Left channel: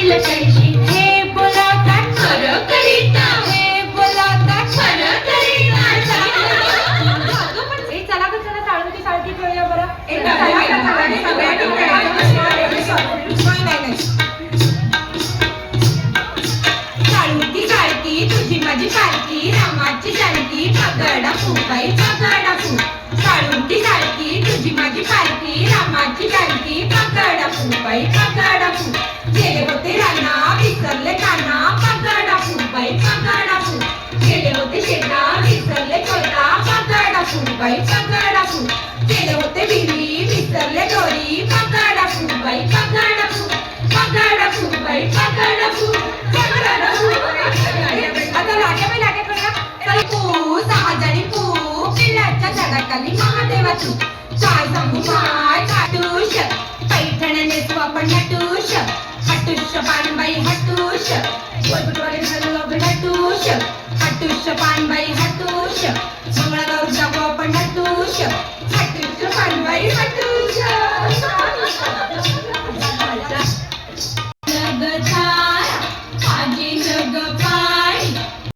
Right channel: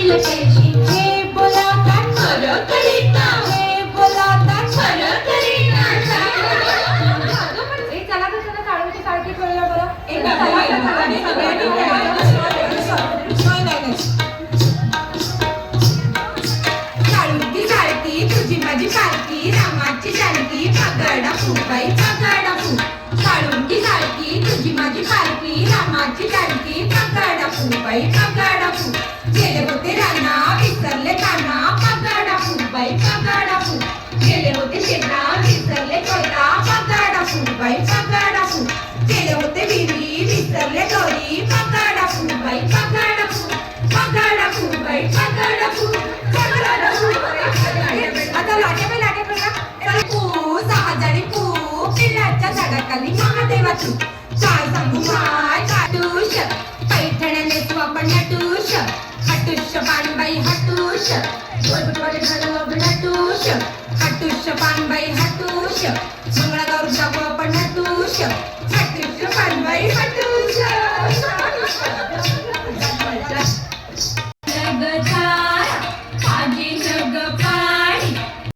असतील कैशी हे बोलावतात खरं करीता हे बोलावतात खरं करीता ए चला ग चला साळवती साळकी खेळूया बरं ए, नाही. काळुती काळती तुझी माझी पालकी रामाची जानकी पगडा फुबाई पगडा फू काळुती काळती तुझी माझी पालकी रामाची जानकी पगडा फुबाई पगडा फू गेले होते राना विसरले काना पगडा फुबाई पगडा फू गेले होते शेणा विसरले कोयता पगडा फुबाई पगडा फू गेले होते विहिरी विसरले दोरी पगडा फुबाई पगडा फू पगडा फुबाई पगडा फू पगडा फू आता लागे करूया चल पू सहाजणी पू पिल्लाच्या झाडाखाली महादेवा तू काय सांगू माय काटूश पैठण्या नेसू आपण हटूश हटूश पानबाई हटूश गोलबुटवाले घालू आपण हटूश हटूश पानबाई हटूश मंगळागौर जाऊ आपण हटूश हटूश पानबाई